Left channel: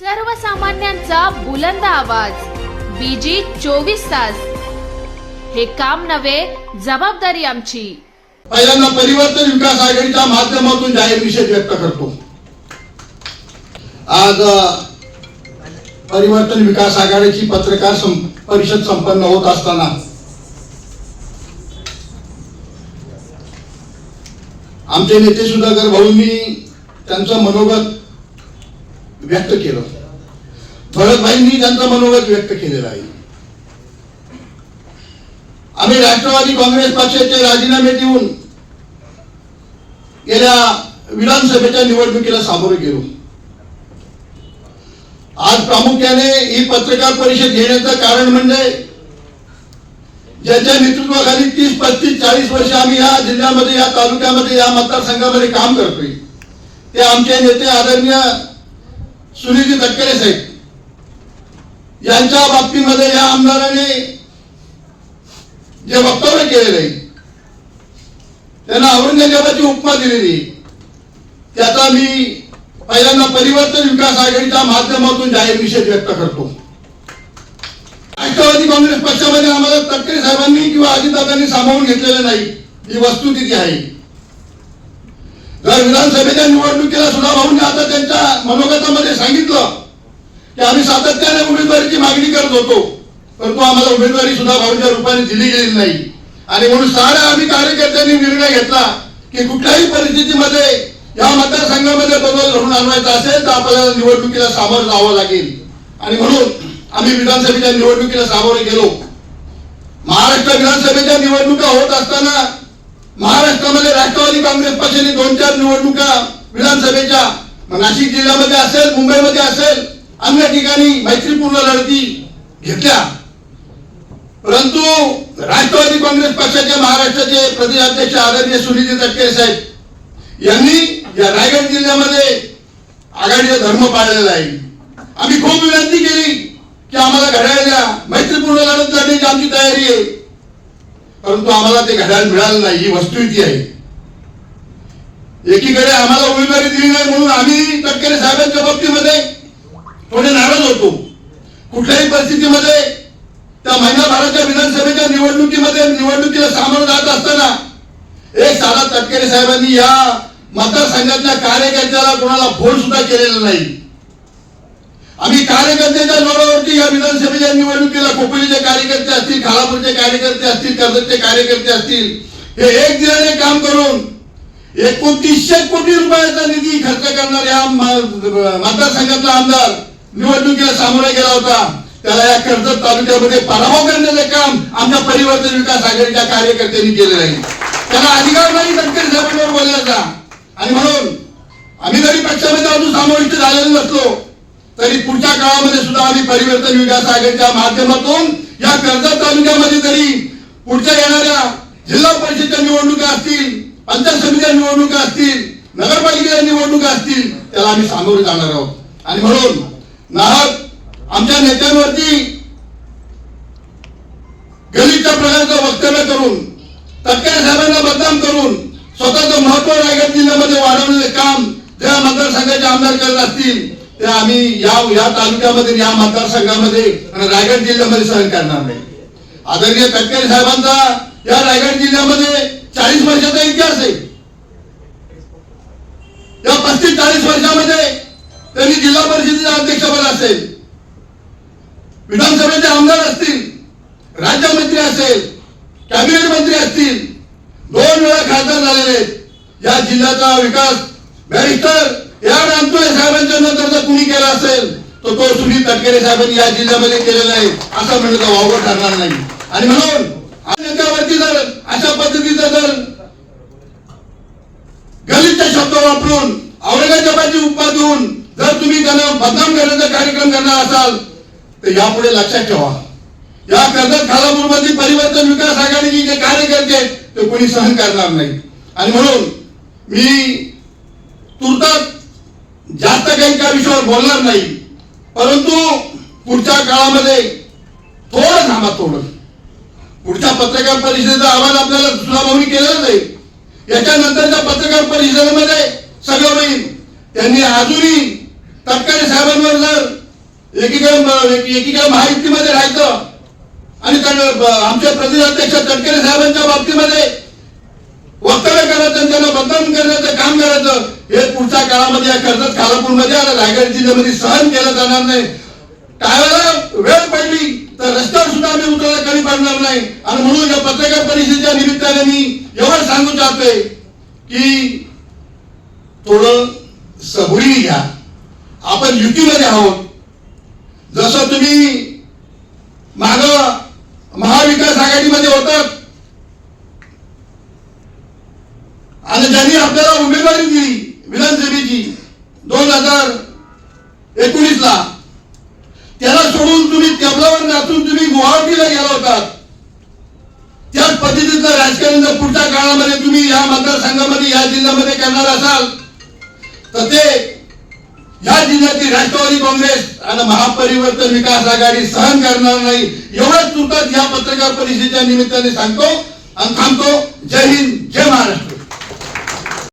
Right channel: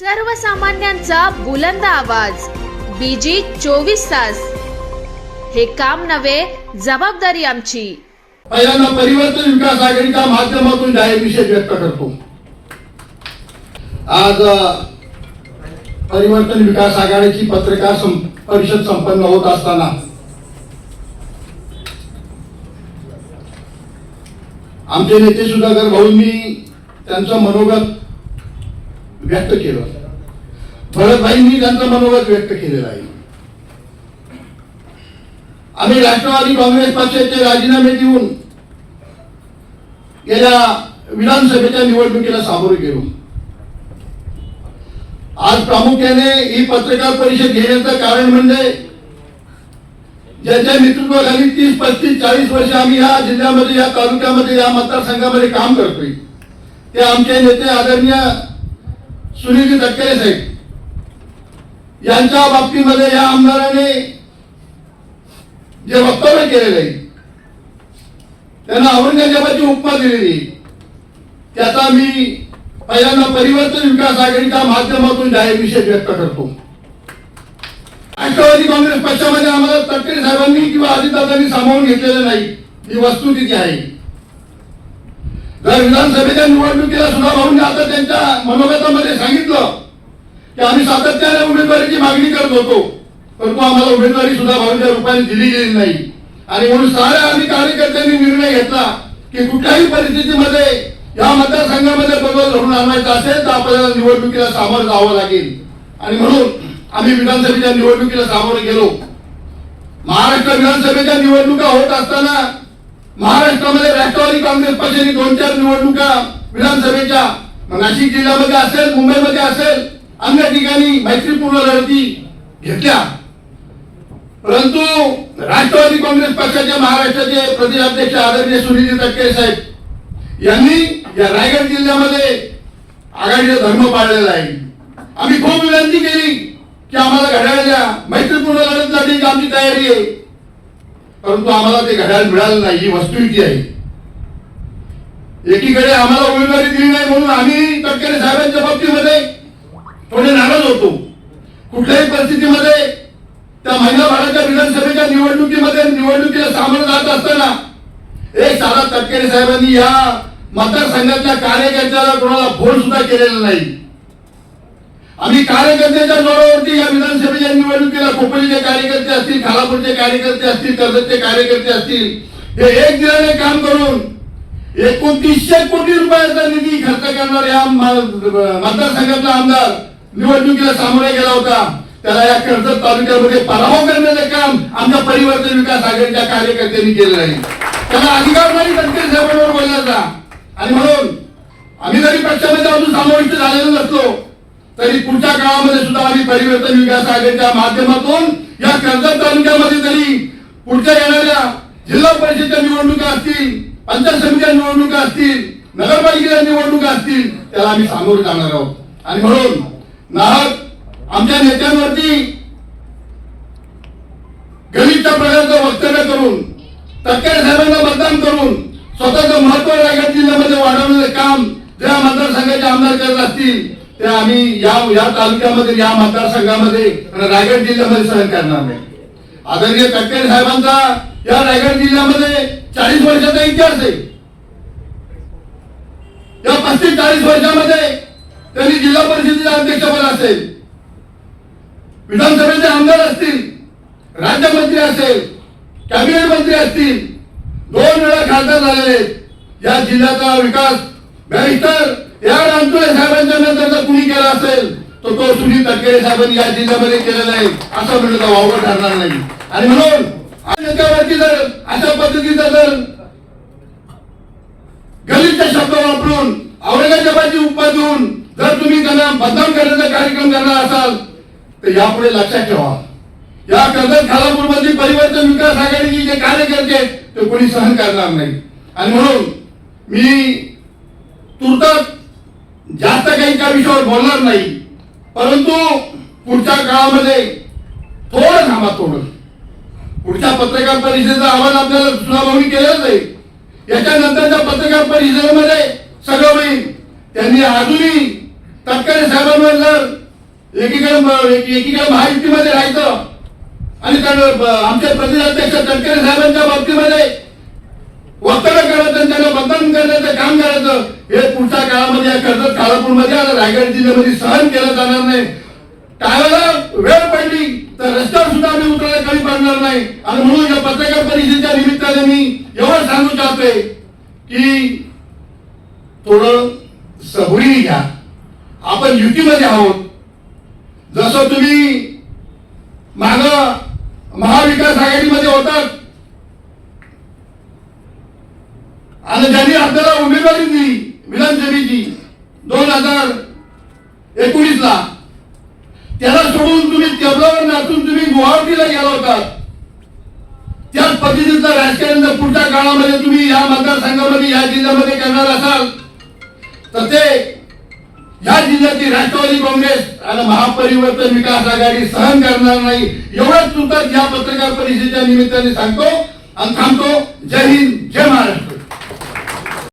सर्वसामान्यांचा बुलंद आवाज. बीजी चोवीस तास. हे काम नव्हे जबाबदारी आमची. पहिल्यांदा परिवर्तन विकास आघाडीच्या माध्यमातून जाहीर निषेध व्यक्त करतो. आज परिवर्तन विकास आघाडीची पत्रकार परिषद संपन्न होत असताना आमचे नेते सुधाकर भाऊंनी त्यांचं मनोगत व्यक्त केलं. भरतभाईंनी त्यांचं मनोगत व्यक्त केलेलं आहे. आम्ही राष्ट्रवादी काँग्रेस पक्षाचे राजीनामे देऊन गेल्या विधानसभेच्या निवडणुकीला सामोरे गेलो. आज प्रामुख्याने ही पत्रकार परिषद घेण्याचं कारण म्हणजे ज्यांच्या नेतृत्वाखाली तीस पस्तीस चाळीस वर्ष आम्ही या जिल्ह्यामध्ये या तालुक्यामध्ये या मतदारसंघामध्ये काम करतोय. ते आमचे नेते आदरणीय सुनील तटकरे साहेब यांच्या बाबतीमध्ये या आमदाराने जे वक्तव्य केलेलं आहे त्यांना औरंगजेबाची उपमा दिलेली त्याचा मी पहिल्यांदा परिवर्तन विकास आघाडीच्या माध्यमातून जाहीर निषेध व्यक्त करतो. राष्ट्रवादी काँग्रेस पक्षामध्ये आम्हाला तटकरे साहेबांनी किंवा अजितदादांनी सामावून घेतलेलं नाही ही वस्तुस्थिती आहे. तर विधानसभेच्या निवडणुकीला सुद्धा भाऊंनी आता त्यांच्या मनोगतामध्ये सांगितलं की आम्ही सातत्याने उमेदवारीची मागणी करत होतो. परंतु आम्हाला उमेदवारी सुद्धा भाऊंच्या रूपाने दिली गेली नाही. आणि म्हणून साऱ्या आम्ही कार्यकर्त्यांनी निर्णय घेतला की कुठल्याही परिस्थितीमध्ये या मतदारसंघामध्ये बदल घडून आणवायचा असेल तर आपल्याला निवडणुकीला सामोरं जावं लागेल. आणि म्हणून आम्ही विधानसभेच्या निवडणुकीला सामोरे गेलो. महाराष्ट्र विधानसभेच्या निवडणुका होत असताना महाराष्ट्रामध्ये राष्ट्रवादी काँग्रेस पक्षाने दोन चार निवडणुका विधानसभेच्या. नाशिक जिल्ह्यामध्ये असेल मुंबईमध्ये असेल अन्य ठिकाणी मैत्रीपूर्ण लढती घेतल्या. परंतु राष्ट्रवादी काँग्रेस पक्षाचे महाराष्ट्राचे प्रदेशाध्यक्ष आदरणीय सुनील तटकरे साहेब यांनी या रायगड जिल्ह्यामध्ये आघाडीचा धर्म पाळलेला आहे. आम्ही खूप विनंती केली की आम्हाला घड्याळ द्या मैत्रीपूर्ण लढत लढण्याची आमची तयारी आहे. परंतु आम्हाला ते घड्याळ मिळालं नाही ही वस्तुस्थिती आहे. एकीकडे आम्हाला उमेदवारी दिली नाही म्हणून आम्ही तटकरे साहेबांच्या बाबतीमध्ये थोडे नाराज होतो. कुठल्याही परिस्थितीमध्ये त्या महिनाभराच्या विधानसभेच्या निवडणुकीमध्ये निवडणुकीला सामोरं जात असताना एक साधा तटकरे साहेबांनी या मतदारसंघातल्या कार्यकर्त्याला कोणाला फोन सुद्धा केलेला नाही. आम्ही कार्यकर्त्यांच्या जोरावरती या विधानसभेच्या निवडणुकीला कोकणीचे कार्यकर्ते असतील खालापूरचे कार्यकर्ते असतील कर्जतचे कार्यकर्ते असतील हे एक दिलाने काम करून एकोणतीसशे कोटी रुपयाचा निधी खर्च करणाऱ्या या मतदारसंघातला आमदार निवडणुकीला सामोरा गेला होता. त्याला या कर्जत तालुक्यामध्ये पराभव करण्याचं काम आमच्या परिवर्तन विकास आघाडीच्या कार्यकर्त्यांनी केलेलं आहे. त्याला अधिकार नाही तटकरे साहेबांवर बोलण्याचा आणि म्हणून आम्ही जरी पक्षामध्ये अजून समाविष्ट झालेलो नसलो तरी पुढच्या काळामध्ये सुद्धा आम्ही परिवर्तन विकास आघाडीच्या माध्यमातून या कर्जत तालुक्यामध्ये तरी पुढच्या येणाऱ्या जिल्हा परिषदच्या निवडणुका असतील पंचायत समित्या निवडणुका असतील नगरपालिकेच्या निवडणुका असतील त्याला आम्ही सामोरे जाणार आहोत. आणि म्हणून नाहक आमच्या नेत्यांवरती गरीबच्या प्रकारचं वक्तव्य करून तटकरे साहेबांना बदनाम करून स्वतःचं महत्त्व रायगड जिल्ह्यामध्ये वाढवण्याचं काम ज्या मतदारसंघाचे आमदार करत असतील ते आम्ही या या तालुक्यामध्ये या मतदारसंघामध्ये संघामध्ये रायगड जिल्ह्यामध्ये सहन करणार नाही. आदरणीय तटकरे साहेबांचा या रायगड जिल्ह्यामध्ये चाळीस वर्षाचा इतिहास आहे. या पस्तीस चाळीस वर्षामध्ये त्यांनी जिल्हा परिषदेचे अध्यक्षपद असेल विधानसभेचे आमदार असतील राज्यमंत्री असेल कॅबिनेट मंत्री असतील दोन वेळा खासदार झालेले या जिल्ह्याचा विकास बॅरिस्टर या रामतोळे साहेबांच्या नंतर जर कुणी केला असेल तर तो सुनील तटकरे साहेबांनी या जिल्ह्यामध्ये केलेला आहे असं म्हणलं तर वावर ठरणार नाही. आणि म्हणून त्याच्यावरती जर अशा पद्धतीचा जर गलितचे शब्द वापरून औरंगाबादची उपमा देऊन जर तुम्ही त्यांना बदनाम करण्याचा कार्यक्रम करणार असाल तर यापुढे लक्षात ठेवा. या कर्जत खालापूर मधली परिवर्तन विकास आघाडीची जे कार्यकर्ते करते ते कोणी सहन करणार नाही. आणि म्हणून मी तुर्तात जास्त काही त्या विषयावर बोलणार नाही. परंतु पुढच्या काळामध्ये थोडं थांबा थोडं. पुढच्या पत्रकार परिषदेचा आवाज आपल्याला सुनावणी केलेलाच आहे याच्यानंतरच्या पत्रकार परिषदेमध्ये सगळं होईल. त्यांनी अजूनही तटकरे साहेबांवर जर एकीकडे एकीकडे महायुतीमध्ये राहायचं आणि आमच्या प्रदेशाध्यक्ष तटकरे साहेबांच्या बाबतीमध्ये वक्तव्य करायचं त्यांना बदनाम करण्याचं काम करायचं. हे पुढच्या काळामध्ये या कर्जत खालापूरमध्ये आणि रायगड जिल्ह्यामध्ये सहन केलं जाणार नाही. टाळायला वेळ पडली तर रस्त्यावर सुद्धा आम्ही उतरायला कमी पडणार नाही. आणि म्हणून या पत्रकार परिषदेच्या निमित्ताने मी एवढं सांगू चाहतोय की थोडं सबुरी घ्या. आपण युतीमध्ये आहोत. जसं तुम्ही माग महाविकास आघाडीमध्ये होता आणि ज्यांनी आपल्याला उमेदवारी दिली विधानसभेची दोन हजार एकोणीस ला त्याला सोडून तुम्ही टेबलावर नाचून तुम्ही गुवाहाटीला गेला होता त्याच पद्धतीचं राजकारण जर पुढच्या काळामध्ये तुम्ही या मतदारसंघामध्ये या जिल्ह्यामध्ये करणार असाल तर ते या जिल्ह्यातील राष्ट्रवादी काँग्रेस आणि महापरिवर्तन विकास आघाडी सहन करणार नाही. एवढंच चुकत या पत्रकार परिषदेच्या निमित्ताने सांगतो आणि थांबतो. जय हिंद